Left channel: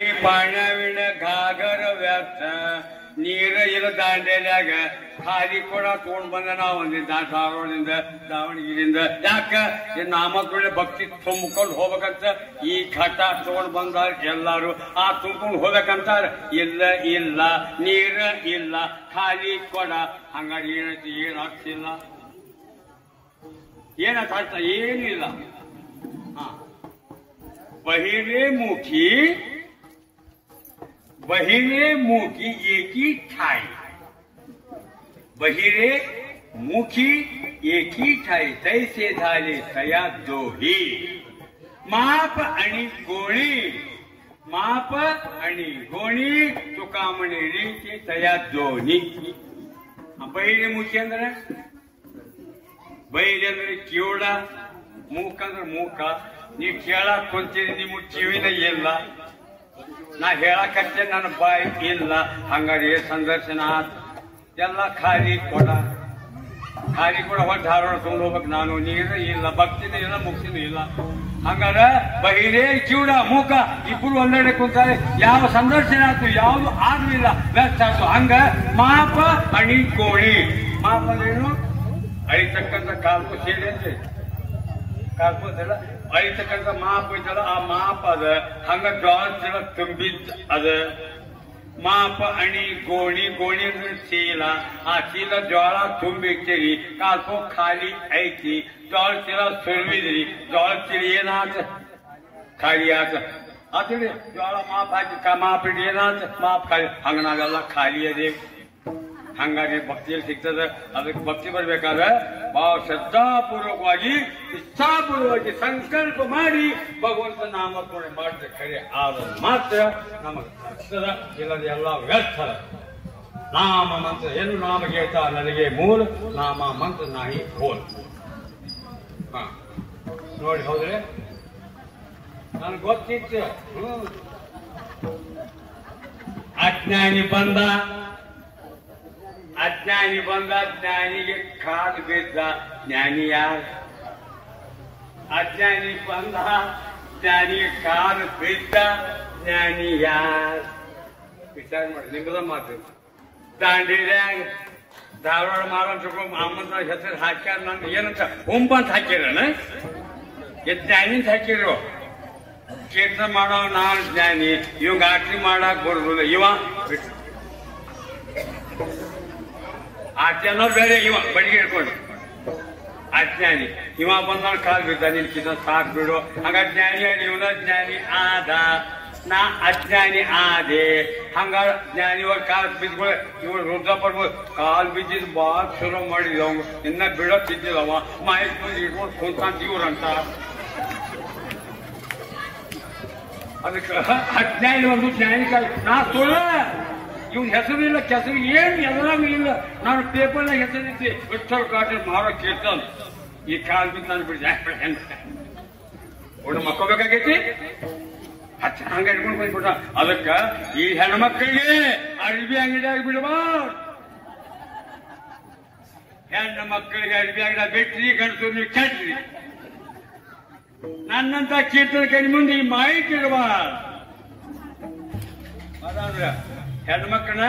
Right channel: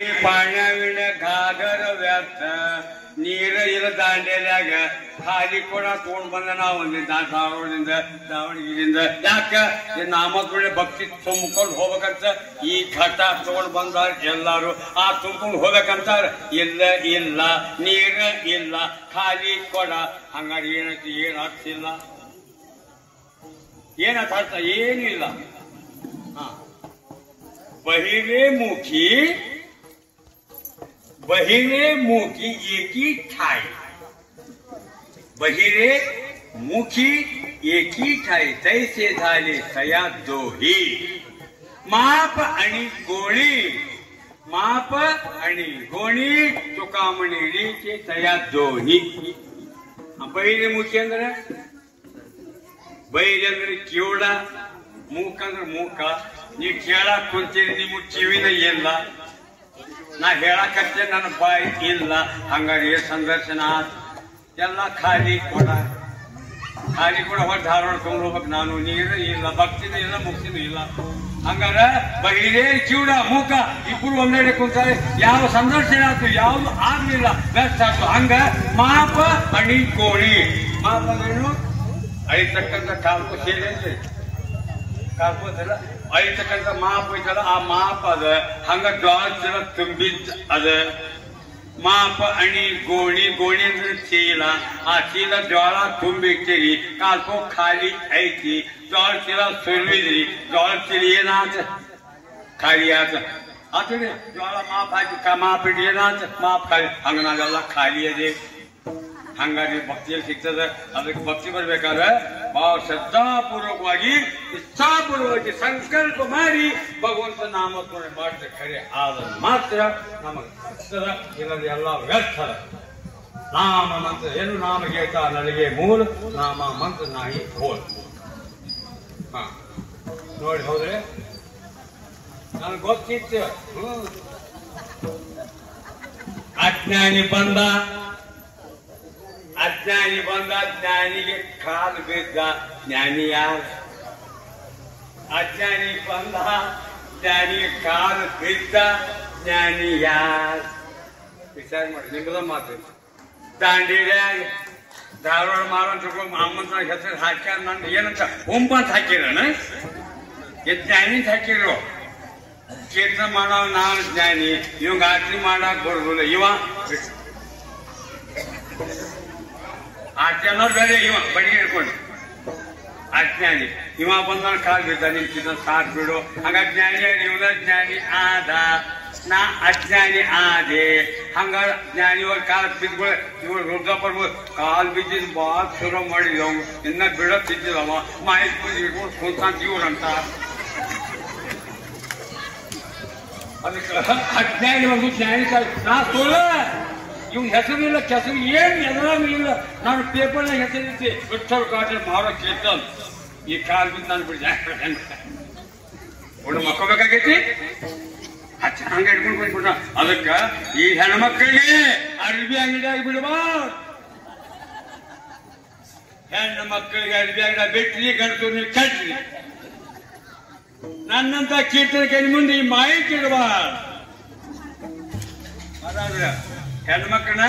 पाण्याविण घागर ವ್ಯರ್ಥ ನೀರ ಇಲ್ಲ ದಾಂಡೇಲಿಯಾಗ ಖಾಲಿ ಕೂಡ ತಗೊಂಡ್ ಬಂದ ನಾವು ಧಾರವಾಡದಿಂದ ದಾವಣಗೆರೆಯಿಂದ ಯಾಕ ನಾಮಕರಣ ಭಕ್ತಿ ತುಂಬಿಕೊಂಡು ಹೋಗ್ಬೇಕಂತ ಈ ಘಟ ತಗೊಂಡ್ ಬಂದಾರ ಎಲ್ಲಾರು ಆ ತುಂಬಿಕೊಂಡು ಹೋಗ್ಬೇಕಂತಾರ ಇಲ್ಲ ಇಲ್ಲ ನೀರ ಇಲ್ಲ ಖಾಲಿ ಕೊಡ ಹಂಗಾಗಿ ಏನೈತಿ ಏನ್ ಆಗ್ತಿಲ್ಲ ಏನಂತ ಅರ್ಥ ಏನೂ ಇಲ್ಲ बहिरे मुखी एकी ठाई बहिरे मुखी एकी ठाई तैसे झाले तया दोही माप आणि गोणी तुका म्हणेरीचे तया दोही बहिरे मुखी ಅಂದ್ರೆ ಬೈರೆ ಅಂದ್ರೆ ಕಿವುಡ ಮೂಕ ಅಂದ್ರೆ ಮೂಕ ನೀವು ಕೇಳಕ್ ಕುಂತೀರಿ ನಿಮ್ಗೆ ಕಿವಿನ ಇಲ್ಲ ನಾ ಹೇಳಕತ್ತೆ ನನ್ನ ಬಾಯಿ ಇಲ್ಲ ಹಂಗಾಗಿ ಸಂದರ್ಶನ ಎಲ್ಲ ಖಾಲಿ ಕೊಡ ಹೊಟ್ಟು ಧಾರವಾಡ ತಗೊಂಡು ಹೋಗ್ಬೇಕು ನಾನು ನೀರು ಇಲ್ಲ ಭಕ್ತಿನೂ ಇಲ್ಲ ಮುಕ್ತಿನೂ ಇಲ್ಲ ಹಂಗಾರ ಬಹಿರೇ ಕಿವುಡ ಮೂಕ ಇಬ್ರು ಒಂದೆಡೆ ಕುಂತಾರೆ ಯಾವ ಸಂದರ್ಶನ ಆಯ್ತು ಯಾವ್ದು ಆಗ್ಲಿಲ್ಲ ವ್ಯರ್ಥ ಆಯ್ತು ಹಂಗ ಮಾಪ ಅಣಿ ಕೋಳಿ ಮಾಪ ಏನು ಅಳಿತಕ್ಕಂಥ ಕಾಲ್ಕು ಸೇರಿ ಅಂತ ಕಾಲ್ಕೋದಲ್ಲ ಅಳಿತಕ್ಕಂಥ ಮಾಪ ಐತಲ್ಲ ಆ ಮಾಪ ಅದ ಹಂಗ ಗಾಳ ಚೀಲ ತುಂಬಿದ್ದ ಅದ ಮಾಪ ಅಣಿ ಗೋಣಿ ಅಂದ್ರೆ ಚೀಲ ಆ ಚೀಲ ಜ್ವಾಳ ತುಂಬಿಡ್ತೀರಿ ಕಾಲ್ಕೋ ಖಾಲಿ ಐತಿ ಜ್ವಾಳ ಚೀಲ ಸುರಿದ್ರಿ ಜ್ವಾಳ ಚೀಲ ಏನಾತ ಖಾಲಿ ಆತ ಆತಡಿ ಜ್ವಾಳ ಮಾಪ ಹಾಕಿ ಮಾಪ ಇಟ್ಟು ಏನಾತ ಮಾಪ ಖಾಲಿ ಹಂಗ ನಾವೆಲ್ಲ ಖಾಲಿ ಅದೇ ಹಂಗಾಗಿ ಭಕ್ತಿಯಲ್ಲಿ ಸಿಗ್ತದೆ ಅದಕ್ಕೆ ಭಕ್ತಿ ಬರ್ಬೇಕಾದ್ರೆ ಬಹಳ ಶ್ರದ್ಧಾಪೂರ್ವಕವಾಗಿ ಇಚ್ಛಾಪೂರ್ವಕವಾಗಿ ಸಂಕಲ್ಪ ಮಾಡಿ ಭಗವಂತ ನಾಮಸ್ಮರಣೆ ಮಾಡಿದ್ರೆ ಖರೆ ಆದ್ರೆ ಮಾತ್ರ ನಮಗೆ ಸಿಗ್ತದ ಇಲ್ಲದೆ ಎಲ್ಲ ವ್ಯರ್ಥ ನಾಮ ಮಂತ್ರ ಏನು ನಾಮ ಗೇತ ನನಗೆ ಮೂಲ ನಾಮ ಮಂತ್ರ ನಾಯಿ ಹೋಲ್ ನೋಡಿ ಹೌದ್ರೆ ನನಗೆ ಗೊತ್ತಿತ್ತು ಅಜ್ಞಾನಿ ಬಂದ ಜ್ಞಾನಿಗೆ ಕಾಲು ಬಿದ್ದ ಜ್ಞಾನಿ ಯಾರು ಅಜ್ಞಾನಿ ಬಂದ ಜ್ಞಾನಿಗೆ ಕಾಲು ಬಿದ್ದ ಜ್ಞಾನಿ ಯಾರು ವಿಚಾರ ಮಾಡಿ ನಿಮ್ಮದ ಮಾತು ದಾಂಡೇಲಿಯಾಗ ಧಾರವಾಡ ಮಾರಂತ ಮಾಮಂತ ಹೆಸರು ಹಾಕ್ಯಾರ ನಾನು ಏನಂತ ಹುಂಬ ಅಂತ ಹಾಕಿರಣ ಜ್ಞಾನಿ ಅಂತ ಹಾಕಿರೋ ಕೀರ್ತನ ಮಾಡವ ನಾನು ಜ್ಞಾನಿ ಇವಂಗ ಆರತಿ ಮಾಡಕ್ ಬರುದಿಲ್ಲ ಇವ ಆರತಿ ಅನ್ನೋರು ಬೇರೆ ಇವ ಬಡಿಗೆ ಹಿಡ್ಕೊಂಡು ಅಜ್ಞಾನಿ ಇವ ಬಂದ ಕಾಲ್ ಬಿದ್ದ ನಿಲ್ಕಿದ ಸಾಕ್ ಬಿಡು ಹಂಗ ಜ್ಞಾನಿ ಇವನ ಜ್ಞಾನಿ ಆದ ನಾ ಅಜ್ಞಾನಿ ಆದೆ ಹಂಗ ಜ್ಞಾನಿ ಇವಾಗ ಕಾಲ್ ಬಿದ್ಗಳು ಇವ್ರು ರುದ್ರ ಬರ್ಬೋದು ಕಾಲ್ ಬಿದ್ದಿದ್ ಬಾಳ ಶುರು ಮಾಡಿದ ಅವ ಇನ್ನ ಬಿಡತ್ತಿದ್ದವ ಮಾಹಿತಿ ಮುಂದೆ ಇಟ್ಕೊಂಡು ಕುಂತ ಇವ್ರಂತ ಅದಕ್ಕೆ ಅಜ್ಞಾನಿ ಒಂದು ಜ್ಞಾನಿ ನಾ ಸುಳ್ಳ ಇವ್ ಹೆಸರಿಲ್ಲ ಕೆಸರು ಏನ್ ಎದುರಾಗ ಇಲ್ಲ ನಾನು ಪೇಪರ್ ಹೆಸರಿದ್ದೆ ವಿಠಲ್ ಕಾಟೆ ಮಾರೋ ಕೇಳ್ತಾನ ಈ ಕಾಲ್ ಬಿದ್ದು ನಾನು ಬಿಡಿ ಹುಡು ಮಕ್ಕೋಬೇಕಾಗೈತಿ ಹಂಗ ಹಿಡ್ಕೊಂಡು ಬಂದ್ಬಿಟ್ಟ ಅದಕ್ಕ ಈ ಹೆಣ್ಮಕ್ಳಿಗೆ ಅರ್ಬಿ ಅಂಗಡಿಯಾಗ ಬಿಡಬಾರ್ದು ಹೆಣ್ಣು ಮಕ್ಕಳಿಗೆ ಅರ್ಬಿ ಅಂಗಡಿಯಾಗ ಬಿಟ್ರಿ ಗಂಟು ಕೆಟ್ರಿ ನನ್ನಂತ ಕೀರ್ತನ ಕೈ ಮುಂದೆ ಈ ಮಾಹಿತಿ ಇಡಬಾರ್ದು ಅದಾದ್ರ ಹೆಣ್ಮಕ್ಳನ್ನ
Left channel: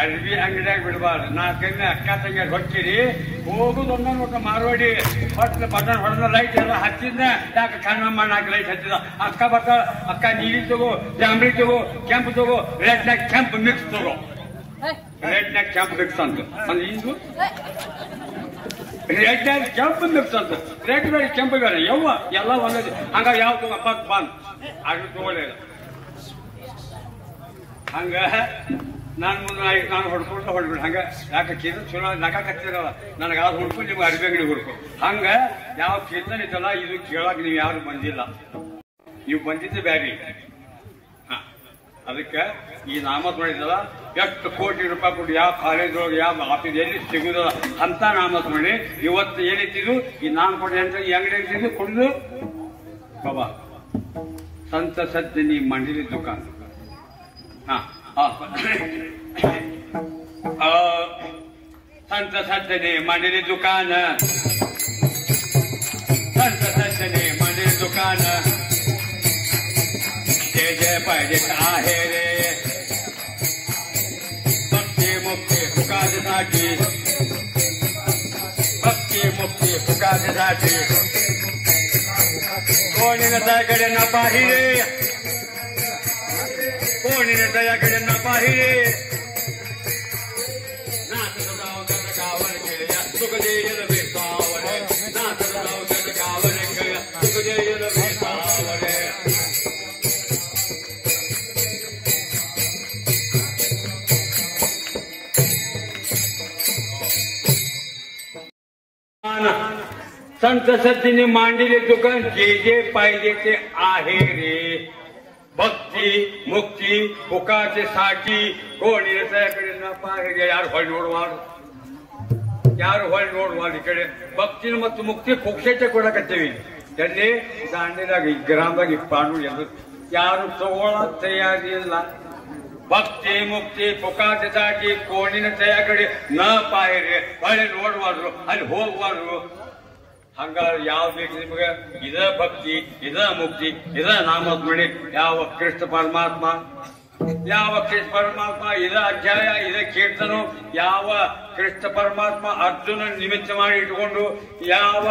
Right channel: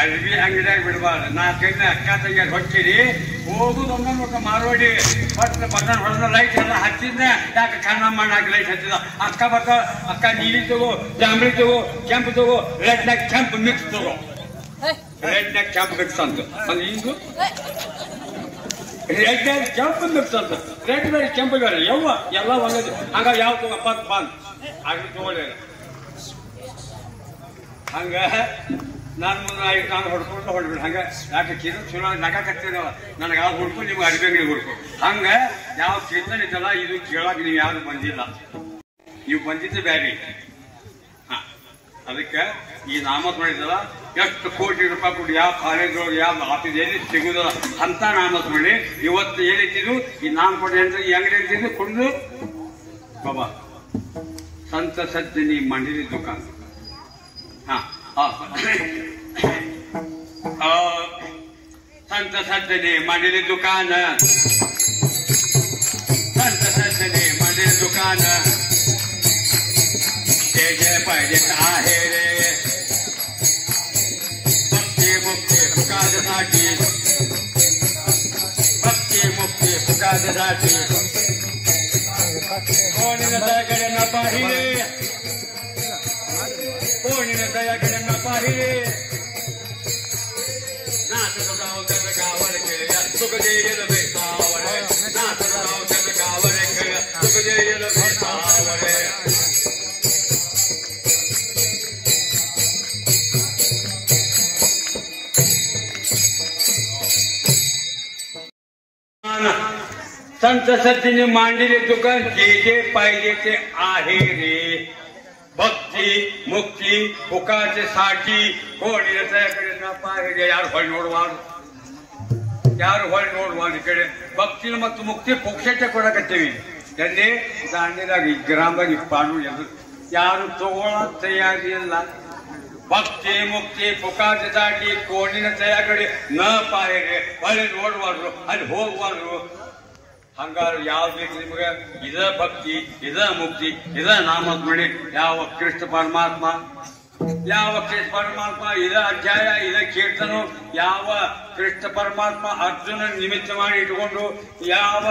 ಅರ್ಬಿ ಅಂಗಡಿಯಾಗ ಬಿಡಬಾರ್ದು ನಾಲ್ಕೈದು ಅಕ್ಕ ತಂಗಿಯಾಗ ಹೊಕ್ಕಿರಿ ಹೋಗುದು ಒಂದೊಂದು ಮಾರ್ವಾಡಿ ಹೊಟ್ಟು ಬಂದ ಹೊಡೆದ ಲೈಟ್ ಎಲ್ಲ ಹಚ್ಚಿದ್ನ ಯಾಕೆ ಕಣ್ಣಮ್ಮ ನಾಲ್ಕು ಲೈಟ್ ಹಚ್ಚಿದ ಅಕ್ಕ ಬಕ್ಕ ಅಕ್ಕ ನೀಲಿ ತಗೋ ಜಾಂಬಳಿ ತಗೋ ಕೆಂಪು ತಗೋ ರೆಡ್ನಾಗ ಕೆಂಪು ಮಿಕ್ಸ್ ತಗೋ ರೆಡ್ನಾಗ ಕೆಂಪು ಮಿಕ್ಸ್ ಅಂತ ಒಂದು ಇಂದು ರೆಡ್ನಾಗ ಕೆಂಪು ಮಿಕ್ಸ್ ಅಂತ ರೆಡ್ ಬೇರೆ ಕೆಂಪು ಬೇರೆ ಯವ್ವ ಎಲ್ಲ ಒಂದೇ ಹಂಗಾಗಿ ಯಾವ ತಗೋ ಪತ್ ಬಂದ್ ಆಗ್ಲಿ ತಗೊಳ್ಳಿಲ್ಲ ಹಂಗ ನಾನು ಮುಂದೆ ನಾನು ಹೊಡ್ಕೊಂಡು ಹೊಡ್ಬಿಡು ಹಂಗ ಯಾಕೆ ಕೀರ್ತನ ಚಲೋ ನಗಾಕತ್ತೀರಲ್ಲ ನನಗೆ ಯಾವ್ದು ಹುಡ್ಕು ನೀವು ಅರ್ಬಿ ಅಂಗಡಿ ಹುಡ್ಕು ಹಂಗ ಯಾವ ಕೀರ್ತನ ಇದ್ದಲ್ಲ ಇದು ಕೇಳಕ್ ನೀವು ಯಾರು ಬಂದಿಲ್ಲ ನೀವು ಬಂದಿದ್ದೆ ಬ್ಯಾರಿ ಅದಕ್ಕೆ ಈ ನಾಮಸ್ಮರಣೆ ಎಷ್ಟು ಕೋಟಿ ರೂಪಾಯಿ ಕೊಟ್ಟು ಯಾವ ಕಾಲೇಜ್ ಯಾವ ಆಫೀಸ್ ಎಲ್ಲಿ ಸಿಗುದಿಲ್ಲ ಅಂತ ನಾಮಸ್ಮರಣೆ ಇವತ್ತು ಏನಿತ್ತಿದ್ದು ಈ ನಾಮಸ್ಮರಣೆ ಅಂತ ಈ ಅಂಗಡಿ ಅಂತಿದ್ದು ಕುಡಿದು ಬಾಬಾ ಸಂತ ಸಜ್ಜನಿ ಮಂಡಳಿ ದುಕಾನ್ संत सज्जने मंडली दुकान संत सज्जने मंडली दुकान जय जय पाहिजे आहे रे भक्ती मुक्ती सुखासाठी भक्ती मुक्ती सुखासाठी कोणी दयाकडे न पाहिले कोणी दयाकडे न पाहिले गावावर खेळ सुख देईल बेटावर गावावर खेळ सुख देईल बेटावर संत सतीने मांडलेले दुकान जे जे पाहिजे ते आहे रे भक्ती मुक्ती फुकाचे साठी कोणी त्याकडे न पाहिजे यार व्हाय नोड इकडे भक्ती ಮತ್ತು ಮುಕ್ತಿ ಪುಕ್ಷಕ್ಕೆ ಕೊಡಕತ್ತೀವಿ ಎಲ್ಲಿ ದಾಂಡೇಲಾಗಿ ಗ್ರಾಮದಾಗಿ ಪಾನು ಯಾರು ತಗೊಳ್ಳೋಕೆ ತಯಾರಿಲ್ಲ ಭಕ್ತಿ ಮುಕ್ತಿ ಪುಕಾಚೆ ದಾಟಿ ಕೋಣಿನ ತಯಾಕಡೆ ನ ಪಾಯಿರೆ ಹೊಳೆ ನೋಡ್ಬಾರ್ದು ಅಲ್ಲಿ ಹೋಗ್ಬಾರ್ದು ಹಂಗಾರ ಯಾವ್ದು ಬೇಕು ನಿಮಗೆ ಇದ ಭಕ್ತಿ ಇದ ಮುಕ್ತಿ ಇದ ನಾಮಸ್ಮರಣೆ ಯಾವ ಕೃಷ್ಣ ಪರಮಾತ್ಮ ಇದ ಅಧ್ಯಾಯ ಇದ ಕೀರ್ತನ ಯಾವ ಕೃಷ್ಣ ಪರಮಾತ್ಮ ಅರ್ಜುನ ನಿಮಿತ್ತ ಮಾಡಿ ಇಟ್ಕೊಂಡು ಯಾವ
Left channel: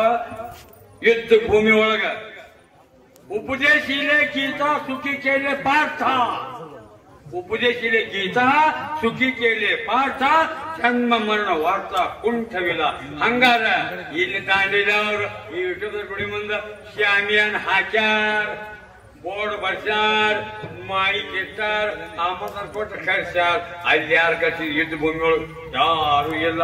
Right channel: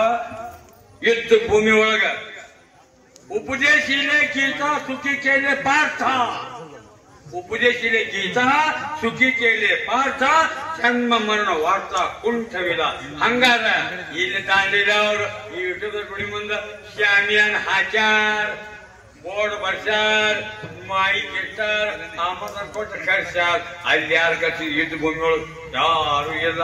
ಯುದ್ಧ ಭೂಮಿ ಒಳಗ ಉಪದೇಶಿಲೆ ಗೀತಾ ಸುಖಿ ಕೇಳೆ ಪಾರ್ಥ उपदेशिले गीता सुखी केले पार्थ जन्म मरण वार्ता कुंठविला हंगार ಇಲ್ಲಿ ತಾಂಡಿದವರು ಈ ಯೂಟ್ಯೂಬ್ ಗುಡಿ ಮುಂದೆ ಶಾಮಿಯಾನ್ ಹಾಕ್ಯಾರ ಬೋರ್ಡ್ ಬರ್ಸ್ಯಾರ ಮೈಕ್ ಇಟ್ಟಾರ ಆಮಂತ್ರಣ ಕೊಟ್ಟು ಕರ್ಸ್ಯಾರ ಅಲ್ಲಿ ಯಾರ ಗತಿ ಯುದ್ಧ ಭೂಮಿಗಳು ಯಾರು ಇಲ್ಲ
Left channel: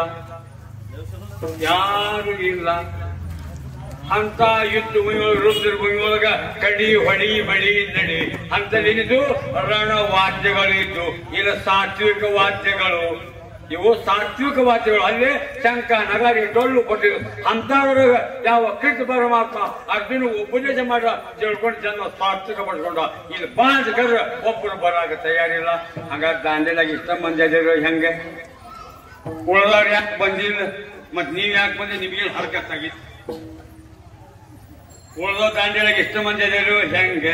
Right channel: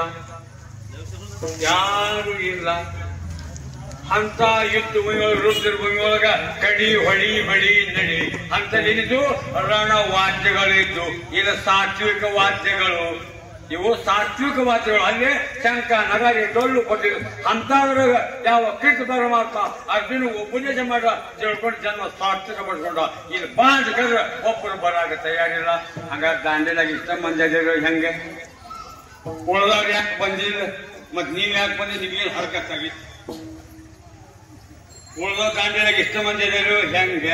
ಅಂತ ಯುದ್ಧ ಭೂಮಿಯೊಳಗ ರುದ್ರ ಭೂಮಿಯೊಳಗ ಕಡಿ ಹೊಡಿ ಮಡಿ ನಡಿ ಅಂತೇನಿದ್ದು ರಣ ವಾದ್ಯಗಳಿದ್ದು ಇದು ಸಾತ್ವಿಕ ವಾದ್ಯಗಳು ಇವು ಸಾತ್ವಿಕ ವಾದ್ಯಗಳು ಅಲ್ಲೇ ಶಂಕ ನಗಾರಿ ಡೊಳ್ಳು ಕೊಟ್ಟಿದ್ದು ಅಂತವ್ರ ಯಾವ ಕೃಷ್ಣ ಪರಮಾತ್ಮ ಅರ್ಜುನ ಉಪದೇಶ ಮಾಡ ತಿಳ್ಕೊಂಡು ಜನ ಸಾತ್ವಿಕ ಪಡ್ಕೊಂಡ ಇಲ್ಲಿ ಬಾಂಡ್ ಕರ್ರ ಒಬ್ಬರು ಬರಾಕ ತಯಾರಿಲ್ಲ ಹಂಗಾರೆ ದಾಂಡೇಲಾಗ ಇಷ್ಟ ಮಂದಿ ಅದೇವ ಹೆಂಗೆ ಉಳ್ದವ್ರು ಯಾಕೆ ಬಂದಿಲ್ಲ ಮತ್ ನೀವ್ ಯಾಕೆ ಬಂದಿ ನಿಮ್ಗೆ ಹರಕತ್ತಾಗಿತ್ತು ಉಳ್ದ ದಾಂಡೇಲಾಗ ಇಷ್ಟ ಮಂದಿ ಅದೇರು ಹೆಂಗ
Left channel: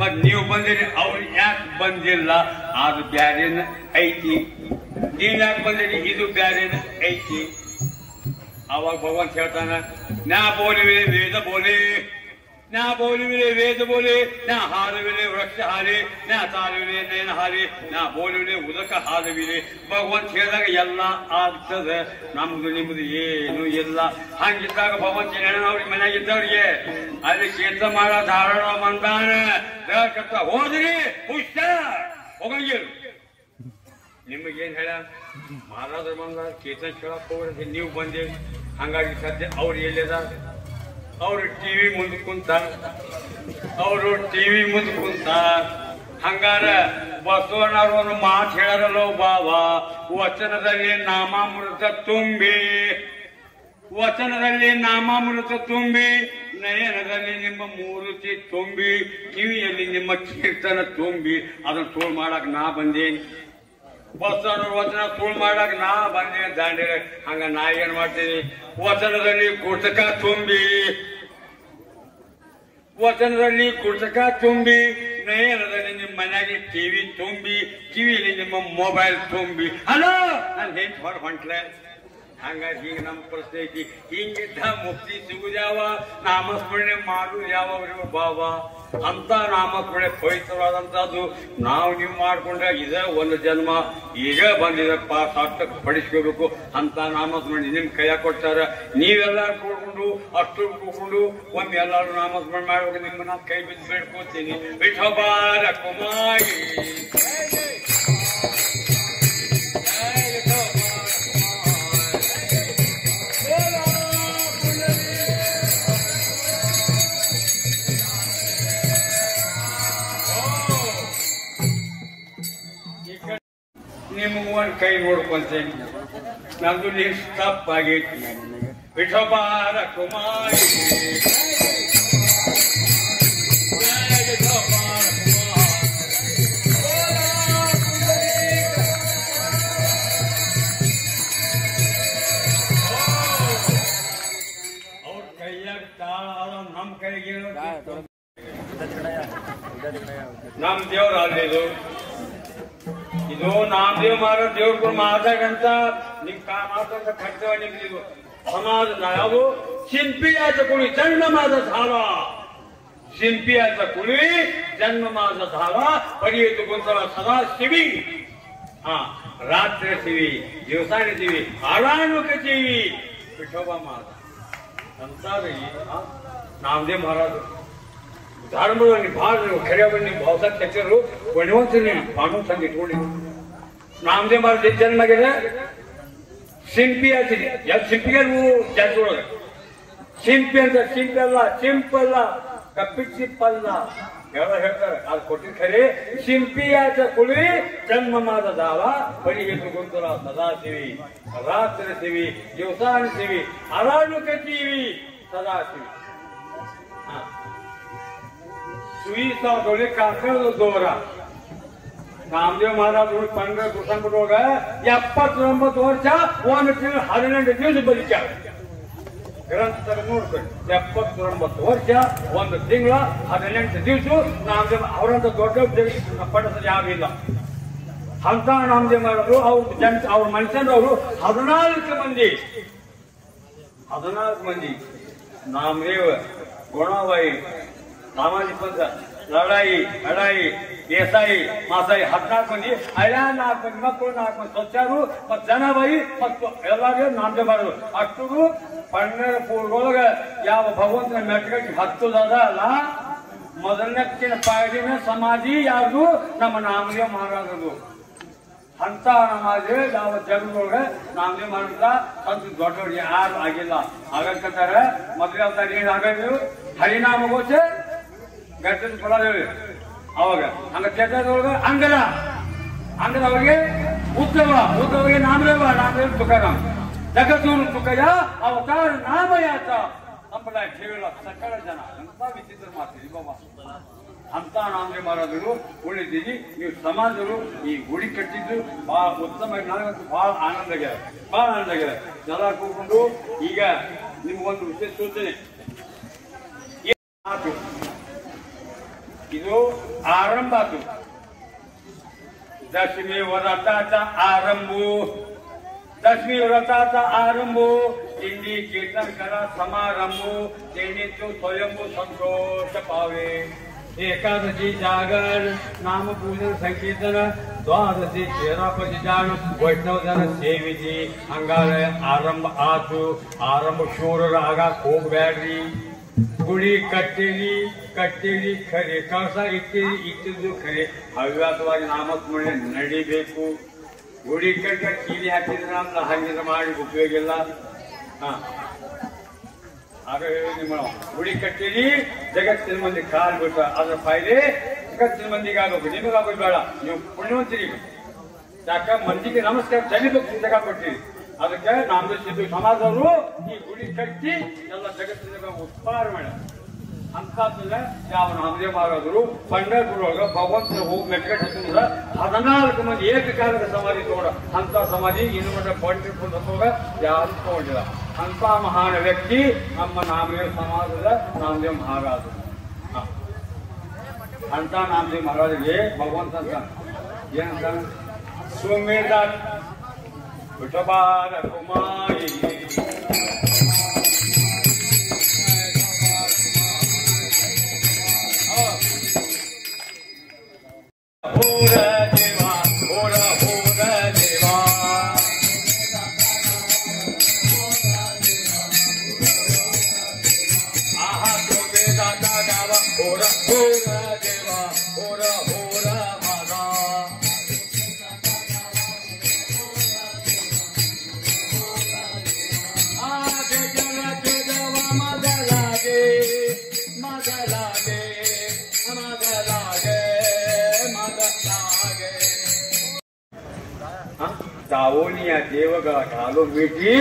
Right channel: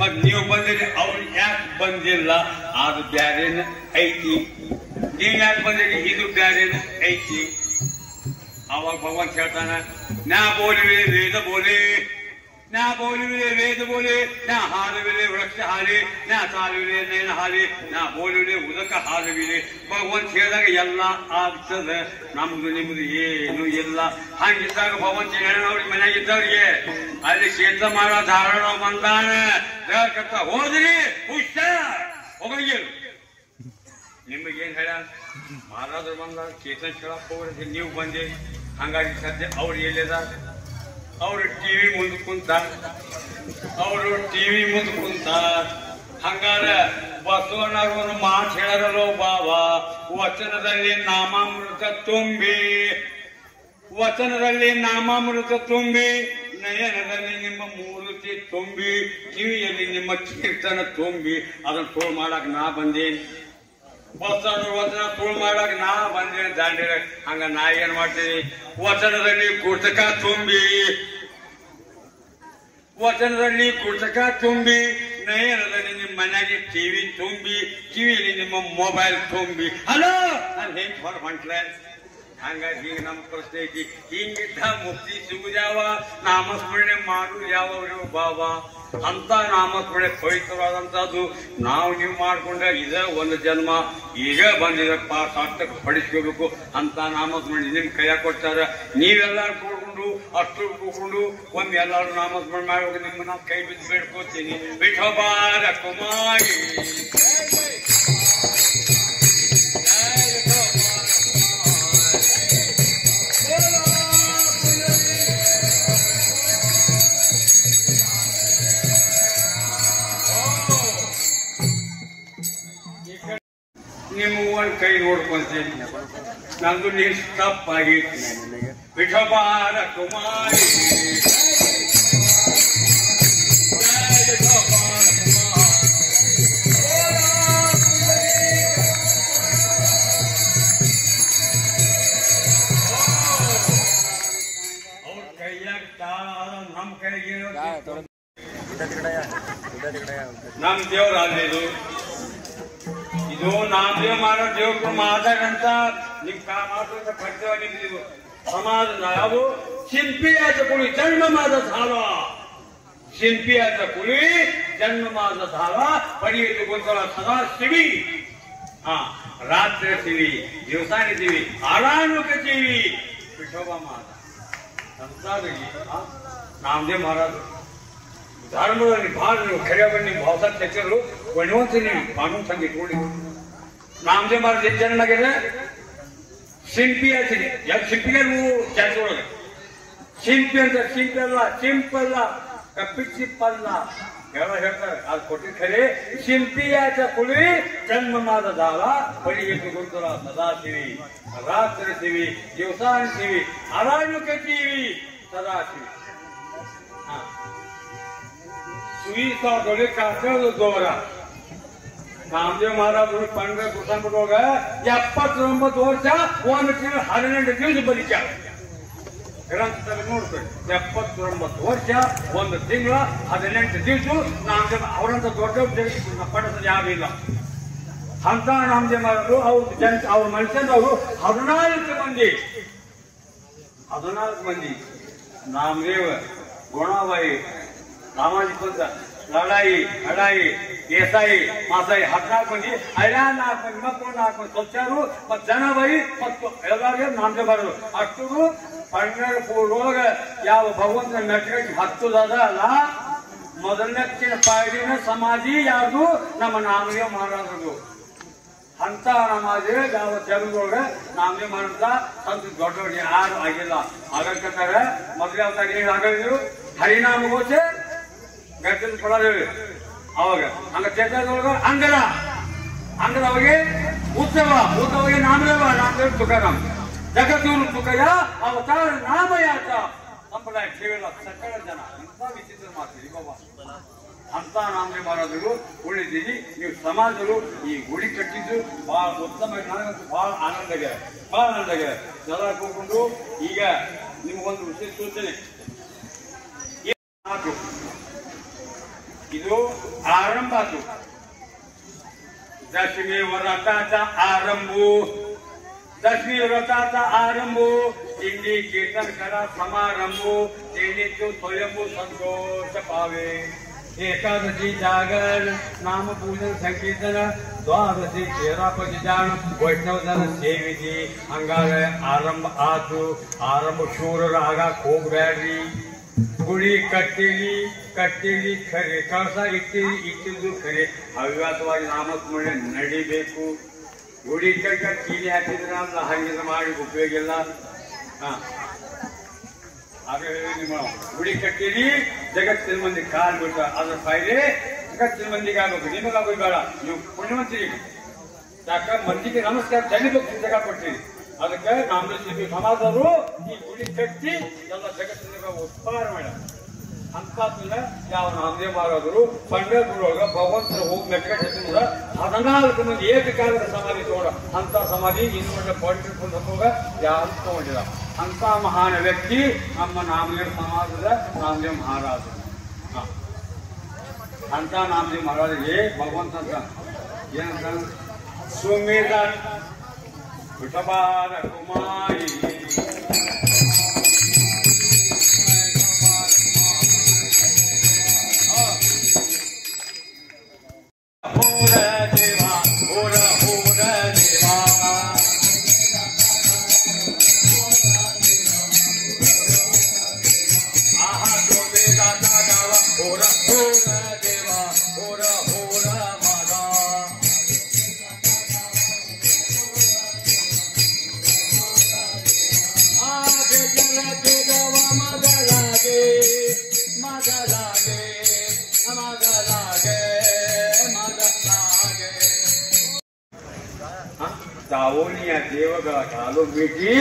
ಮತ್ ನೀವು ಬಂದಿರಿ ಅವ್ರು ಯಾಕೆ ಬಂದಿಲ್ಲ ಅದು ಬ್ಯಾರೇನ ಐತಿ ನೀವ್ ಯಾಕೆ ಬಂದಿರಿ ಇದು ಬ್ಯಾರೇನ ಐತಿ ಅವಾಗ ಭಗವಾನ್ ಹೇಳ್ತಾನ ನಾ ಬೋಲಿವೆ ವೇದ ಬೋಲೆ ನಾ ಬೋಲಿವೆ ವೇದ ಬೋಲೆ ನಾ ಹಾಲವಿಲೆ ವೃಕ್ಷ ಹಾಲಿ ನಾ ತಾಲುವಿಲೆ ನೇನ ಹಾಲಿ ನಾ ಬೋಲಿವೆ ಉದಕ ಹಾಲವಿಲೆ ಭಗವಂತ ಹೇಳಿದಾಗ ಎಲ್ಲ ಆಗ್ತದ ನಮ್ದು ನಿಮ್ದು ಏನು ಇಲ್ಲ ಹಂಗಿದ್ದಾಗ ಭಗವಂತ ಹೆಣ್ಣವ್ರಿಗೆ ಮನೆಯಾಗಿದ್ದವ್ರಿಗೆ ಅಲ್ಲಿ ಕೇತ ಮಾಡ ಧಾರಣ ಮಂದಾನ ಹೇಳ್ಕತ್ತ ಹೋದ್ರಿ ಹುಷಾರ್ ಹೋಗಂಗಿರು ನಿಮಗೇನ್ ಹೇಳ ಮಹಾರಾಜರು ಬಂದ ಕೇತನ್ ಕೇಳಕ್ ಹೋಗ್ರಿ ನೀವು ಬಂದಿ ಹಂಗಾಗಿ ಸದ್ಯ ಅವ್ರು ಎಲ್ಲಿದ ಅವರು ಟಿವಿ ಮುಂದೆ ಕುಂತ ಹಂಗಾರ ಬಸವಣ್ಣವ್ರು ಒಂದು ಮಾತು ಹೇಳರಲ್ಲೋ ಬಾಬಾ ವಚನದಲ್ಲಿ ನಾಮಾಮೃತ ತುಂಬಿ ನಯನದಲ್ಲಿ ನಿಮ್ಮ ಮೂರ್ತಿ ತುಂಬಿ ಕಿವಿಯಲ್ಲಿ ನಿಮ್ಮ ಕೀರ್ತನ ತುಂಬಿ ಅದನ್ನ ತೋಳ್ ಮಾಡಕ್ ನಾ ಬಂದೇನಿ ಬಸವಣ್ಣ ವಚನ ತೋಳ್ ಮಾಡಕ್ ನಾ ಬಂದೇನಿ ದಾಂಡಿರ ಹಂಗ ನಾ ಏನ್ ಮಾಡ್ತೀನಿ ವಚನದಲ್ಲಿ ಕುರ್ತಕ ತುಂಬಿ ನಯನದಲ್ಲಿ ನಿಮ್ಮ ಮನೆಗೆ ಟಿವಿ ತುಂಬಿ ಕಿವಿಯಲ್ಲಿ ನಿಮ್ಮ ಮೊಬೈಲ್ ತುಂಬಿ ಹಲೋ ನಾನು ಹೆಂಗ್ ಹೊಂಟ್ಲೆ ಹಂಗಾಗಿ ಈಗ ನಮ್ಮ ಪ್ರಶ್ನೆ ಐತಿ ಹಿಂಗಿದ್ದ ಮುಕ್ತಿ ಸಿಗುದ್ಯಾವ ನಾಮಸ್ಮರಣೆ ಮಾಡುದು ಯಾವ್ರು ಬಾಬಾ ಅಂತ ನಾಮಸ್ಮರಣೆ ಪವಿತ್ರವಾದಂತದ್ದು ನಾವು ನೀವು ಮಾಡ್ಕೊಂಡ್ರೆ ಇದ ಒಂದು ಜನ್ಮ ಈಗ ಬಂದಿರಪ್ಪ ಸಾರ್ಥಕ ಪಡಿಸ್ಕೋಬೇಕು ಅಂತ ನಾಮಸ್ಮರಣೆ ನಿಮ್ ಕೈಯಾಗ ಕೊಡ್ತಾರ ನೀವೆಲ್ಲಾರು ಕೂಡ್ಕೊಂಡು ಅಷ್ಟು ಕೂಡ್ಕೊಂಡು ಒಮ್ಮೆ ಎಲ್ಲಾರು ನಾಮಸ್ಮರಣೆ ಮಾಡುವಾಗ ನಿಮ್ಮನ್ನ ಕೈ ಬಿದ್ದು ಬೇಡ್ಕೋತೀನಿ ವಿಠೋಬಾರ ಕುಮಾರಿ ನಿಮ್ಮ ಕೈ ನೋಡ್ಕೊಂತೇನೆ ನಂದು ನೀರು ತಪ್ಪಾಗೈತಿ ವಿಠೋಬಾರ ಕುಮಾರಿ ಅವ್ರ ಕೈಯಾಗ ತಾಳ ನಮ್ಮ ಕೈಗೆ ನಮ್ ದೇವ್ರ ಅಲ್ಲಿದು ಇದು ನಾಮದೇವ್ ಮಾಡೋ ದೇವ್ರು ಮಾತಾಡಂತ ನಿಮ್ ಮಾತಾಡ ಕರ್ತವ್ಯ ನಿಮ್ದು ಸಮಾಜ ಯಾವುದು ಶಿಲ್ಪಿಯಾದ ಕುಳಿ ಜನ್ಮಮಾದ ಧಾರ ಶಿಲ್ಪಿಯಾದ ಕುಳಿ ಜನ್ಮಮಾದ ಧಾರ ಪಡೆಯುವುದು ಗೊಂದಲ ಸದಾ ಶಿವಿ ರಾತ್ರಿ ಶಿವಿ ದಿವಸಾನಿದ್ದೀವಿ ಆರಾನುಕತೀವಿ ವಿಠೋಬಾ ಮಾತ ಸಂಸಾರಿ ನಾಮದೇವ್ ಮಹಾರಾಜರು ಧರ್ಮದಲ್ಲಿ ಭಾಳ ಖರೆ ಬನ್ನಿ ಭಾವಸ ಚಕ್ರು ಬಣವಂತೀನಿ ಬಾನು ತಂದು ಇಟ್ಕೊಂಡು ನಾಮದೇವ್ ಮಹಾರಾಜ ಚೆನ್ನಾಗಿದೆ ಶಿಲ್ಪಿ ಆಗ್ತೀನಿ ಯಾಕೆ ಶಿಲ್ಪಿಗೆ ಜಾತಿ ಒಳಗೆ ಶಿಲ್ಪಿ ಅಂತ ಸಿಂಪಲ್ಲ ಕಪ್ಪಿಚ್ಚಿಪ್ಪಲ್ಲ ಹೇಳ್ತಾರೆ ಅದು ಕೊಟ್ಟಿದ್ ಖರೆ ಶಿಲ್ಪಿಯಾಚ ಕುಳಿ ಜನ್ಮನಾದ ದಾಳ ಪರಿಗೆಟ್ಟು ಗೊಂದಲ ಸದಾಶಿವಿ ರಾತ್ರಿಸಿವಿ ದಿವಸಾನಿಸಿವಿ ಅರಾನುಕತೀವಿ ಸದಾಶಿವಿ ಸುಯಿಸೋದೊಳಗೆ ಕಾಕಳದ ದೋರ ನಾಮದೇವ್ ಮಹಾರಾಜರು ಪಂಡ ಕುಸಂಬಿಡುವಾಗ 79 ವರ್ಷ 1 ತಿಂಗಳು 12 ದಿವಸ ಬದುಕ್ಯಾರ ಗ್ರಂಥದಲ್ಲಿ ನೋಡ್ಬೇಕು 79 ವರ್ಷ 1 ತಿಂಗಳ 18 ದಿವಸ ನಾಮದೇವ್ ಅವರಂತ ದೊಡ್ಡ ಪಡಿಸೋದು ಯಾವಿಲ್ಲ ಅಂತ ನಾಮದೇವ್ ಮಹಾರಾಜರು ಅವ್ರ ಮನುಷ್ಯನವರು 14 ಮಂದಿ ನಾಮದೇವ್ ಗುಣಾಬಾಯಿ ಸಾಮಾಜಿಕ ಪಂಥ ಲಡಾಯಿ ದೇಸಾಯಿ ಮಾಸಾಯಿ 14 ಮಂದಿ 4 ಮಂದಿ ಮಕ್ಕಳು 4 ಮಂದಿ ಸ್ವಚ್ಛರು ಮತ್ತು ಜನಬಾಯಿ ಮತ್ತು ಎಲ್ಲರಿಗೂ ನಾಮದೇವ್ ಬರೋದು ಅಷ್ಟು 12 ಪೂರ್ವೊಳಗ ಯಾವ ಭಗವಂತನ ಮೆಟ್ಟಗಟ್ಟಿ ಹತ್ತದ ಅಲ್ಲ ಮೊದಲನೇ ಪಾಯಡಿನ ಸಮಾಧಿ ಯಾವುದು ನಮ್ಮ ನಾಮದೇವ್ ಮಹಾರಾಜರು ಅಂತ ನಮಾಜ್ ಯಾವ ಜಗದೊಳಗ ನಾಮದೇವ್ ಮಹಾರಾಜ ಸಂತ ದೊಡ್ಡವ್ರಿಗೆ ಯಾರು ಆಗಿಲ್ಲ ಆಗಂತಾರೆ ಮೊದಲೇ ಅವತ್ತಾಗ ಏನು ಆಗಿದ್ರು ಹರಿನಾಮ ಗೋಚೆ ಗಟ್ಟದ ಪಡೋದು ಅವಾಗ ಹಂಗ ಚೇತದೊಳಗ ಅಂಗರ ಅವಾಗೆ ಉತ್ಸವಗೆ ನಾಮದೇವ ತುಕಾರಾಮ್ ಜಗತ್ತೂರು ತುಕಯ್ಯ ಅವತಾರ ನಾಮಯಾತ ಸಂಪ್ರದಾಯ ಕೇವಲ ಸಕಲ ಜನ ಎಂತ ವಿಚಿತ್ರ ಮಾಡ್ತೀವಿ ಬಾಬಾ ಅಂತ ನಾಮದೇವ್ ಮಹಾರಾಜರು ಉಳಿದೀವಿ ನೀವು ಸಮಾಜರು ಈ ಗುಡಿ ಕಟ್ಟಿದ್ದು ಬಹಳ ಉತ್ತಮ ನನಗಂತೂ ಬಹಳ ಆನಂದ ಆಗ್ಯಾರ ಎಲ್ಲ ಕೂತ್ಕೊಂಡು ಈಗ ನಿಮ್ಗೊಂದು ವಿಶೇಷ ಸೂಚನೆ ಇದು ಆರಂಭ ಆತು दशमी व्रताचा आरंभ दिंडी कीर्तन करा समारंभ देणी तो स्वयंभू संतोष पावे एकादशी जागर नाम पूजन संकीर्तन द्वादशी तेरापती जाण वैष्णव जन सेवेची अंगार आरंभ आतु आरंभ शूर रागा खूप ಬ್ಯಾಡ್ರಿ ಗುಡಿ ಕಟ್ಟೇಲಿ ಖರೆ ಕಳಸ ಇಟ್ಟಿದ್ದು ಖರೆ ಹವ್ಯಾಸವಾಗಿ ನಾಮಸ್ಮರಣೆ ನಡಿಬೇಕು ಗುಡಿ ಕಟ್ಟ ಕೀಲಿ ಹಾಕಿದ್ರ ಅಂತ ಹಂಗಿನ ಮಾಡಿ ಉಪಯೋಗ ಇಲ್ಲ ನಿಮ್ಮ ಗುಡಿ ಕಟ್ಟೀರಿ ಜಗತ್ತಿನ ಮಂದಿ ಕಾಲ್ ಬಿಟ್ಟ ಅದ್ರ ಫಾಯ್ದೆ ಜಗತ್ತಿನ ಮಂದಿಗೆ ಆಗ್ಬೇಕು ನಿಮಗಾಗೋದು ಬೇಡ ನೀವು ಪುಣ್ಯವಂತರಿ ಯಾಕ ಮಂದಿಗೆ ನಮಸ್ಕಾರ ಸಲ್ಲಿಬೇಕು ಜಾಗ ಕೊಟ್ಟಿರಿ ಅದಕ್ಕೆ ನಾಮದೇವ್ ಶಿಲ್ಪಿ ಸಮಾಜದವರು ಈ ಗುಡಿ ಕಟ್ಟಿ ಎಲ್ಲ ಜಗತ್ತಿನ ಉತ್ಪಾದನೆ ಮಾಡ ಅಂತಂದ್ರೆ ಯಾವ ನಾಮದೇವ್ ಮಹಾರಾಜರು ಪಂಡರಪುರೊಳಗ ಭಗವಂತನ ಹೋಗಿ ಮೆಟ್ಕಟ್ಟಿಂದ್ರ 14 ಮಂದಿ ಏಕಕಾಲದ ಸಮಾಧಿ ತಗೊಂಡ ಅಂತ ಸಮಾಧಿ ಇನ್ನು ಪಂಡರಪುರ ಹೋಗ ಯಾರು ತಗೊಂಡಿಲ್ಲ ಅಂತ ಮಹಾನ್ ವ್ಯಕ್ತಿ ನಮ್ಮ ನಾಮದೇವ್ ಸಮಾಜದ ನಾಮದೇವ್ ಮಹಾರಾಜರು ಅಂತ ನಾಮದೇವ್ ಮಹಾರಾಜರಿಗೆ ಭಗವಂತ ಅಂತ ಏನಂತ ಸುಮೇಧ ವಿಠೋಬಾರ ಕುಮಾರಿ दावोनी या देवಗಳ ಕಾಲು ಮಿಟಿ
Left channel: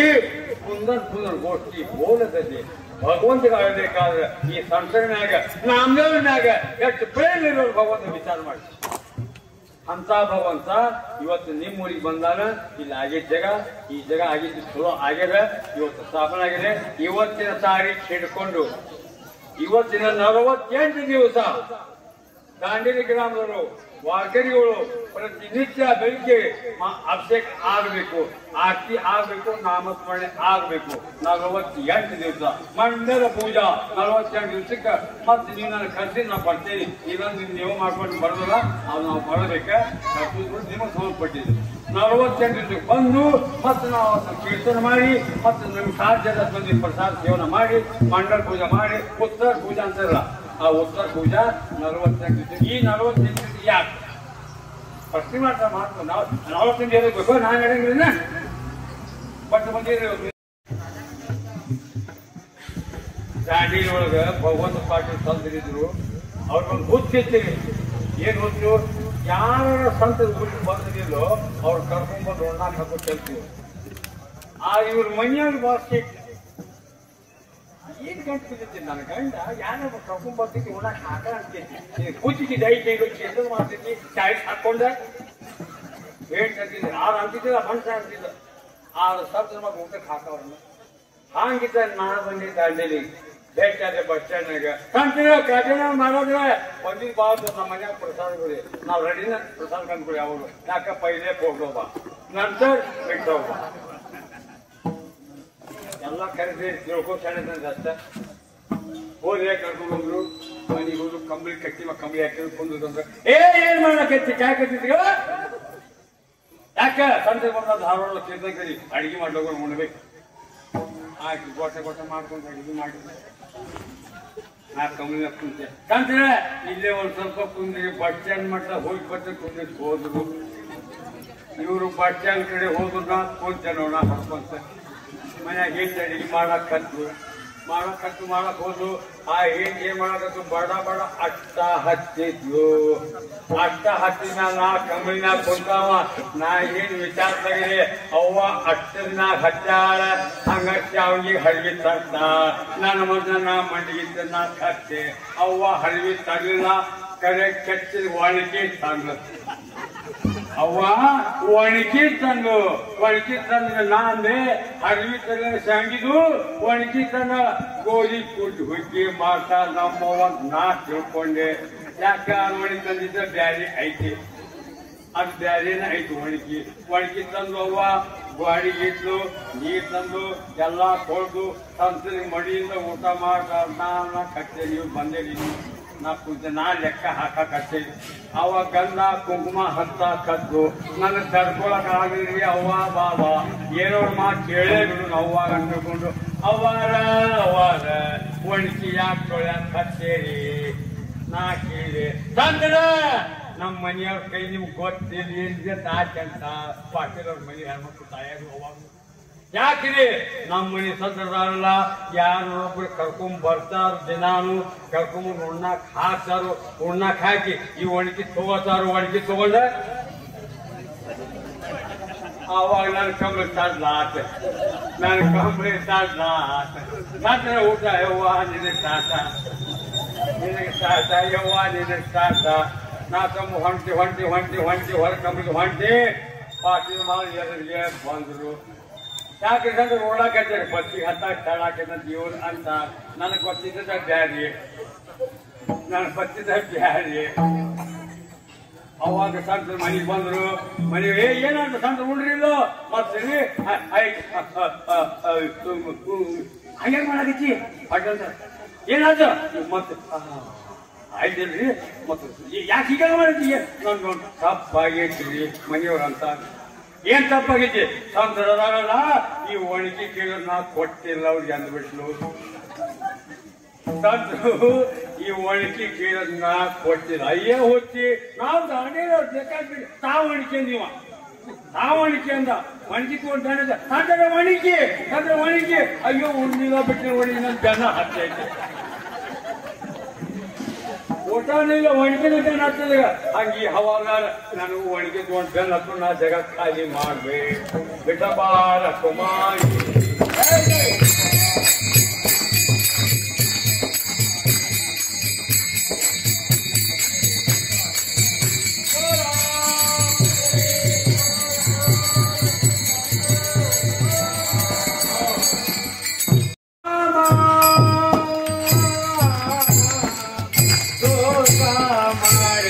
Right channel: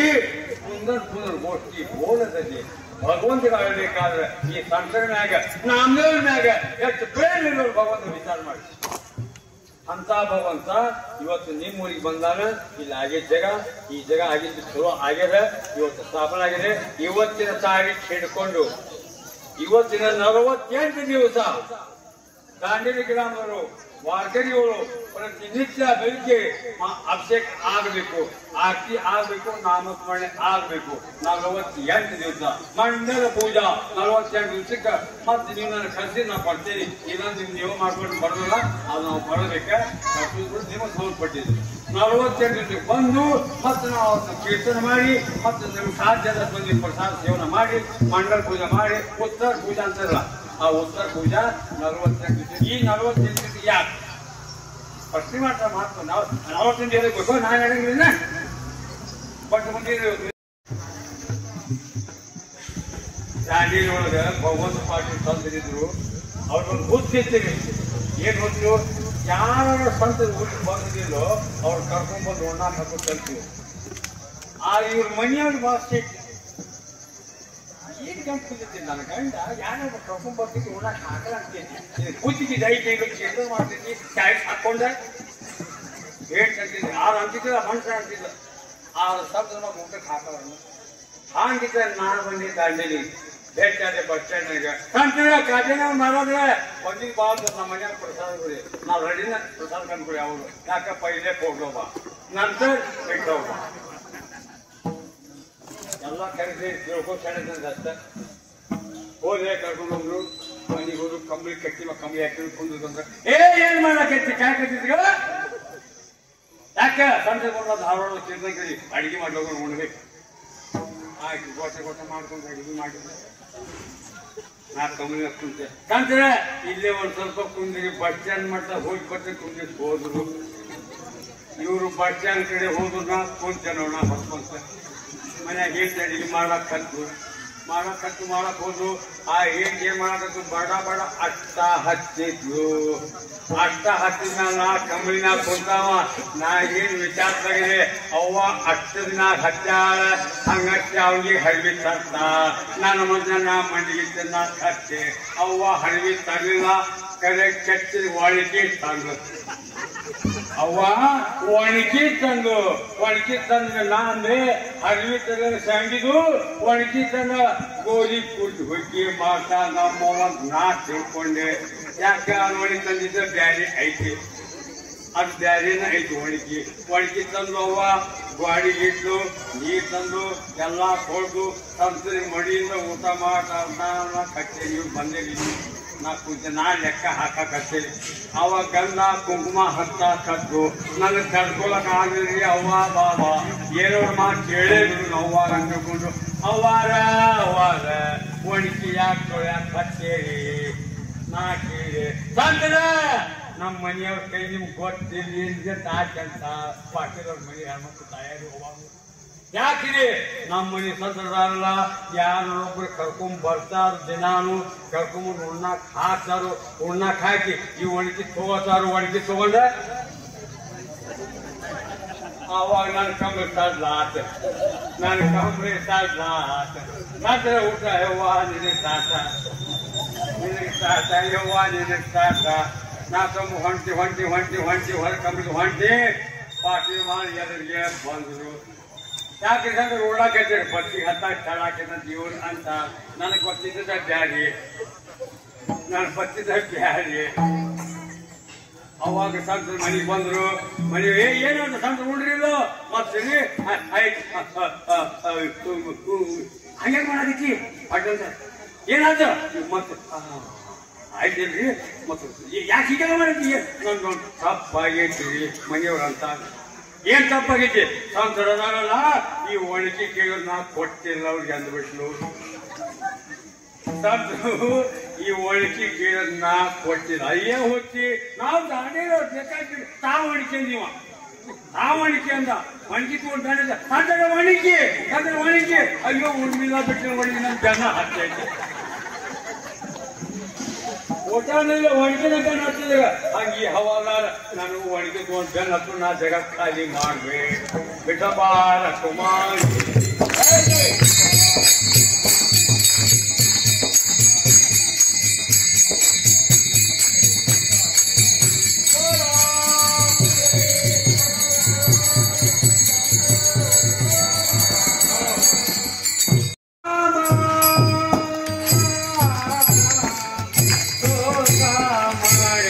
ಸುಂದರ ಗೋಷ್ಠಿ ಬೋಲತದೆ ಭಗವಂತ ಬೇಕಾದ್ರೆ ಈ ಸಂಸಾರನಾಗ ನಾಮದೇವನಾಗ ಎಷ್ಟು ಪ್ರೇಮ ಇರೋರು ಭಗವಂತ ವಿಚಾರ ಮಾಡಿ ಅಂತ ಭಗವಂತ ಇವತ್ತು ನಿಮ್ಮೂರಿಗೆ ಬಂದಾನ ಇಲ್ಲಿ ಆಗಿದ್ದ ಜಾಗ ಈ ಜಾಗ ಆಗಿದ್ದು ಚಲೋ ಆಗ್ಯದ ಇವತ್ತು ಸ್ಥಾಪನೆ ಆಗಿದೆ ಇವತ್ತಿನ ತಾರೀಖು ಹಿಡ್ಕೊಂಡು ಇವತ್ತಿನ 48 ದಿವಸ ದಾಂಡೇಲಿ ಗ್ರಾಮದವರು ವಾರ್ಕರಿಗಳು ಪ್ರತಿನಿತ್ಯ ಬೆಳಿಗ್ಗೆ ಅಭಿಷೇಕ ಆಗಬೇಕು, ಆರತಿ ಆಗಬೇಕು, ನಾಮಸ್ಮರಣೆ ಆಗಬೇಕು. 48 ದಿವಸ ಮಂಡಲ ಪೂಜಾ 48 ದಿವಸಕ್ಕೆ ಮತ್ತೆ ನೀವು ನನ್ನ ಕರೆಸಿ ನಾವು ಬರ್ತೇವೆ. ಇನ್ನೊಂದು ನೀವು ಮಾಡ್ಕೊಂಡು ಬರೋದಿಲ್ಲ, ಅದು ನಾವು ಬರಬೇಕ ನಿಮಗೆ ಸಂಬಂಧಪಟ್ಟಿದ್ವಿ. 48 ದಿವಸಕ್ಕೆ ಬಂದು ಮತ್ತೆ ನಾವು ಅದನ್ನು ಕೀರ್ತನೆ ಮಾಡಿ ಮತ್ತೆ ನಮ್ಗೆ ಸಾಧ್ಯದ ಬಂದು ಪ್ರಸಾದ ಸೇವನೆ ಮಾಡಿ ಮಂಡಲ ಪೂಜೆ ಮಾಡಿ ಉತ್ತರ ಪೂಜಾ ಅಂತಾರಲ್ಲ, ಆ ಉತ್ತರ ಪೂಜಾ 48 ದಿವಸ. ಈ 48 ದಿವಸ ಯಾಕೆ ಪ್ರಶ್ನೆ ಮಾಡ್ತಾ ಮಾತ್ರ ನಾವು 48 ಹೇಳಬೇಕು, ನಾನು ಹೇಳಂಗಿಲ್ಲ. ಬಟ್ ಮಂದಿ ದಾಂಡೇಲಿ ಒಳಗ ಭಗವಂತ ಪಾಟೀಲ್ ತಂದಿದ್ರು. ಅವ್ರಿಗೊಂದು ಹುಚ್ಚಿರ್ತೀವಿ. ಏನ್ ಹುಚ್ಚು? ಯಾರ ಸ್ವಂತ ಊರಿಗೆ ಬಂದಿಲ್ಲೋ ಅವ್ರು ಕರ್ಕೊಂಡ್ಬಂದು ಒಣ್ಣಾಕ್ ಹಾಕೋದು ತಲ್ತೀವಿ. ಇವ್ರ ಮನೆಯವ್ರ ಭಾಷೆ ಏನ್ ಗಂಟು ಬಿದ್ದಿದ್ದೀನಿ. ನನ್ನ ಗಂಡ ಯಾರೊಬ್ಬ ಕರ್ಕೊಂಡ್ಬರ್ತಿದ್ವಿ ಒಣ್ಣಾಕ್ ಹಾಕ ಅಂತೀನಿ. ಕೂತಿದ್ದಿ ದೈ ಕೈಗಳು ಮಾಡ್ತಿದ್ವಿ, ಚಾಯ್ ಹಾಕೊಂಡೆ ಏಟ್ ಅಂತಿದ್ವಿ. 6 ಅಂತಿದ್ವಿ, ಮನುಷ್ಯ ಅಂತಿದ್ದ 6 ಸಾವಿರ ಮಗ ಊಟಕ್ಕೆ ಹಾಕವ್ರನ್ನ. ಹಂಗಿದ್ದ ನಾನು ಬಂದಿದ್ದ ದಾಂಡೇಲಿ ಭೇಟಿಯಾದೆ ಬಸ್ ಸ್ಟ್ಯಾಂಡ್ನಾಗ. ಕಂಡ್ರೆ ಕಾಟಿನ ಮಾಡಿದ್ರೆ ಒಂದಿನ ಬಾಬು ನಮ್ಮ ಮನೆಯಾಗ ಪ್ರಸಾದ ಕೊಡಿ, ನಾವು ರೆಡಿನ ಪ್ರಸಾದ ಕಂಡ್ಕೊಡಿ. ಅವರು ಯಾಕ ಪೈಲೆ ಹೋಗೋಬ ನಂತರ ಬಿಟ್ಟೋಗ ಎಲ್ಲ ಕರೆಸಿ ತಿಳ್ಕೊ ಚೆನ್ನಾಗಿ ಅಷ್ಟೇ. ಹೋದ್ರೆ ಕರ್ಕೊಂಡು ಹೋದ್ರು ಮನೆಗೆ ಹೋದ್ರು. ಕಂಬಳಿ ಕಟ್ಟಿ ಕಂಬಳಿ ಹಾಕಿ ಕುಂದ್ರೆ ಏನ್ ಮಾಡಕತ್ತಿ ಕಾಯ್ ಕತ್ತಿದ್ಗ ಯಾಕೆ ಸಂಜೆ ಬಂದ ಧಾರವಾಡ ತಿಂದಿ ಅಡಿಗೆ ಮಾಡ್ಬೇಕು ಉಣ್ಬೇಕು. ಆಯ್ತು ಗೊತ್ತ ಮಾಡ್ಕೊಂಡು ಅಡಿಗೆ ಮಾಡಿದ್ರೆ ನಾ ಕಮ್ಮಿ ಕುಂತೆ ಕಂದ್ರೆ ಇಲ್ಲೇ ಒಂದ್ ಸ್ವಲ್ಪ ಕುಂದ್ರಿ. ಬಸ್ ಸ್ಟ್ಯಾಂಡ್ ಮಾಡ್ತಾ ಹೋಗಿ ಬರ್ತಾ ಕುಂದ್ರಿ ಹೋದ್ರು. ಇವರು ಬಸ್ ಸ್ಟ್ಯಾಂಡ್ ಕಡೆ ಹೋದ್ರು. ನಾ ಕುಂತೇನೋ ನಾ ಹೊರಕೊಂತ ಮನ್ಯಾಗ ಏನ್ ಅಡಿಗೆ ಮಾಡಕ್ ಹೋದ್ರು. ಆ ಏನ್ ಮಾಡಕತ್ತು ಬಡ ಅಷ್ಟ ಹಚ್ಚಿದ್ಲು. ಅಷ್ಟ ಹಚ್ಚಿದ ನಾ ಕಂಬಳಿನಾಗ ಕುಂತಾವ. ನಾ ಏನ್ ವಿಚಾರದಾಗಿದೆ ಅವ್ವ ಅಷ್ಟನ್ನ ಹಚ್ಚಾಳ. ಹಂಗಚ್ಚಿ ಅವ್ರಿಗೆ ಹಳ್ವಿ ತರ್ತ ನನ್ನ ಮುಂದೆ ನಾ ಮಂಡಿಗೆ ನಾ ಹಚ್ಚಿ ಅವ್ವ ಹಳ್ವಿ ತಗಲಿಲ್ಲ. ಕರೆ ಕೆಚ್ಚ ಒಣಗಿ ತಂದು ಅವ್ವ ಒಣಗಿ ತಂದು ನಾ ಅಂದ್ರೆ ಹಳ್ವಿ ತಗ ಸಂಗಿದು ಒಣಗಿ ತಂದ ಗೋಧಿ ಕುಟ್ಟು ಹುಗ್ಗಿ ಮಾಡ್ತಾ ನಮ್ಮವ್ವ ನಾ ತಿಳ್ಕೊಂಡೆ. ಯಾಕ ಒಣಗಿ ತಂದಿದ್ದ ಬ್ಯಾರಿ ಐತಿ, ಅದು ಬ್ಯಾರೇನ ಐತಿ. ಒಣಗಿ ತಂದು ಅವ್ವ ಗಾಡಿಗಿಟ್ಲು, ನೀರು ತಂದು ಎಲ್ಲ ಕೊಡ್ದು ತಂತ್ರಿ ಮಡಿಯಿಂದ ಊಟ ಮಾಡ್ತಾ ನಾನು ಕಟ್ಟೆ. ನೀವು ಬಂದೇಲಿ ನಾ ಕುಂತ ನಾ ಲೆಕ್ಕ ಹಾಕಕತ್ತೇನೆ. ಅವ ಗಂಧ ಕುಂಕುಮ ಹತ್ತಾಕತ್ತು. ನನಗೆ ತಡ್ಕೊಳಕ್ ಆಗಲಿ. ಅವ್ವ ಬಾಬಾ ಏನೋ ಮಾತು ಕೇಳೇ ಬಿಡು. ಅವ್ವ ಅಂದ್ಕೊಂಡು ಅವಾಗ ಒಣಗಿ ಯಾಕೆ ಹತ್ತೇರಿ ನಾ ಕೇಳಿ ತಂದ್ರ ನಮ್ಮ ಮನೆಯವ್ರ ಕೈ ನಿಮ್ಗೆ ಗೊತ್ತಿರ್ಲಿ ತಾಚಂತ ಪಾಟೀಲವ್ರ ಮನೆ ಹೆಣ್ಮಕ್ಳು ತಾಯಾರು ಅವಾಗ ಯಾಕಿದೆ ನಮ್ಮ ಮನೆ ಸಂತರಲ್ಲ. ಯಾರೊಬ್ರು ಕರ್ಕೊಂಡ್ ಬರ್ತಾರ, ದಿನಾನು ಕರ್ಕೊಂಡ್ ಉಣ್ಣಾಕ್ ಹಾಕ್ತಾರು. ಉಣ್ಣಾಕ್ ಹಾಕಿ ಈ ಒಣಗಿ ತಗೋತಾರು. ಒಣಗಿ ತಗೊಂಡ ಅವಾಗ ನಾನು ಕಂಬಳಿ ಸಾಧ್ಲ ಆತ. ನಾನು ಕಂಬಳಿ ಸಾಧ್ಲ ಆತ. ನಂತರ ಊಟ ಯವ್ವ ನಿನಗೆ ಸಾಕ, ನಿನಗೆ ಸಾಕ ಯವ್ವ ನಿನಗೆ ಸಾಕ. ನಾ ಕಂಬ ಹೊಂಟಿ ಹೊರ ಕಂಬಳಿ ಹೊಂಟಿ ಪಾಟಿ ಮಾಡಿ ಎದುರಿಗೆ ಬಂದರು. ಯಾಕೆಂದ್ರೆ ಓಡಾಕೈತೆ ಬಸ್ಸಿಗೆ ಹತ್ತಾಗ ಸ್ಥಳ ಹಾಕಿದ ಜೀವನ ಅಂತ ನನಗೆ ಗೊತ್ತಿದ್ದ ಬ್ಯಾರಿ. ನಾನು ಬತ್ತಿದ್ದ ಬ್ಯಾರಿ. ಅವಾಗ ಸಂತ ಮನೆಗೆ ಬಂದ್ರು. ಮನೆಗೆ ಏನಾದ್ರು ಸಂತ ಉಂಡ್ರಿಲ್ಲ ಮತ್ತೆ ಹಂಗೆ ಮಾಡಾಕಿ ಅಡ್ಡ ಏನಾದ ಮತ್ತೆ ಆಯ್ತಿಲ್ರಿ. ಮತ್ತೆ ಯಾಕೆ ಹೀಗೆ ಮಾಡೀ ನಂದು ತಪ್ಪಾಗೈತಿ ಮನೆಯವ್ರಂತ. ಏನ್ ತಪ್ಪಾಗೈತಿ? ಸಂತರದಾರಲ್ಲ ಈ ಒಣಗಿ ಕೇಳಿದ್ ನಾ ಕೊಟ್ಟಿಲ್ಲ ಅವ್ರಿಗೆ ಅಂದ್ಬಿಟ್ಲು. ಸಂತರು ಈ ಒಣಗಿ ಕೇಳಿದ್ ನಾ ಕೊಟ್ಟಿಲ್ಲ. ಅಯ್ಯೇ ಹೋಗಿ ನಾವು ದಾಂಡೇಲಿ ಬೇಕಾಗಿ ತಾವು ಅಣಿಕೆಂದಿವ. ತಾವು ಅಣಿಕೆ ಅಂದ ಒಣಗಿ ತಗೊಂಡು ಸಂತರ ಒಣಗಿ ಅಯ್ಯೋ ಉಣ್ಣಿಲ್ಲ ಬಿಟ್ಟು ಒಣಗಿ ನನ್ ಜನ ಹತ್ತೈತಿ. ಊಟನಿಲ್ಲ ಒಣಗಿನ ಬೆನ್ ಹತ್ತದ. ಹಂಗೆ ಅವಾಗ ನನಗೆ ಒಣಗಿ ತಗೊಂಡು ಬೆನ್ ಹತ್ತು ನಾ ಜಗ ಖಾಲಿ ಮಾಡ್ಬೇಕು. ಬಿಟ್ಟಬಾರ ಕುಮಾರಿ ಮಾಡಿ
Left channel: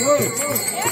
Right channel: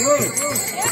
Go.